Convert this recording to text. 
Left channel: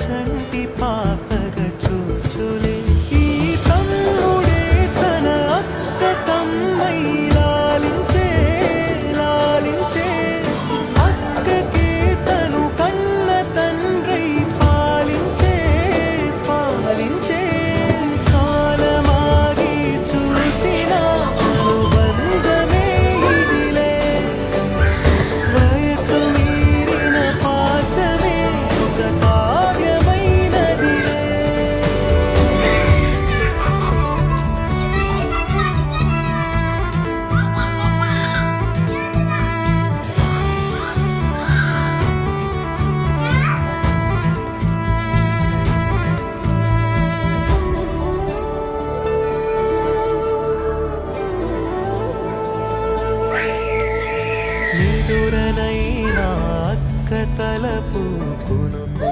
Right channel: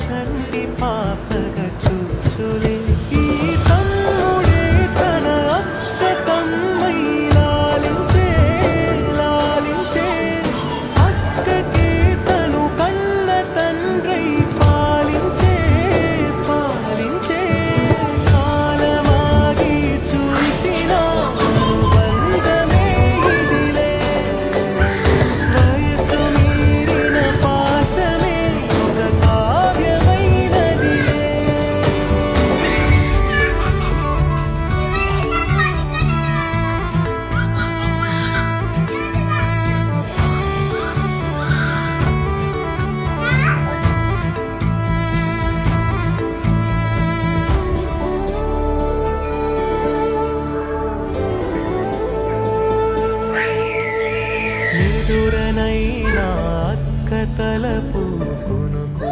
చంటి పాపగా చూచులే ఈ తమ్ముడే తన అక్క తమ్మై లాలించే లాలించే అక్కకే తను కన్న తండ్రై పాలించే పాలించే కాలమాగి చూసిన అనుబంధమే ఇదిలే వయసు మీరిన పాసమే ఒక కావ్యమైనదిలే నిదురనైనా అక్క తలపు కునుకు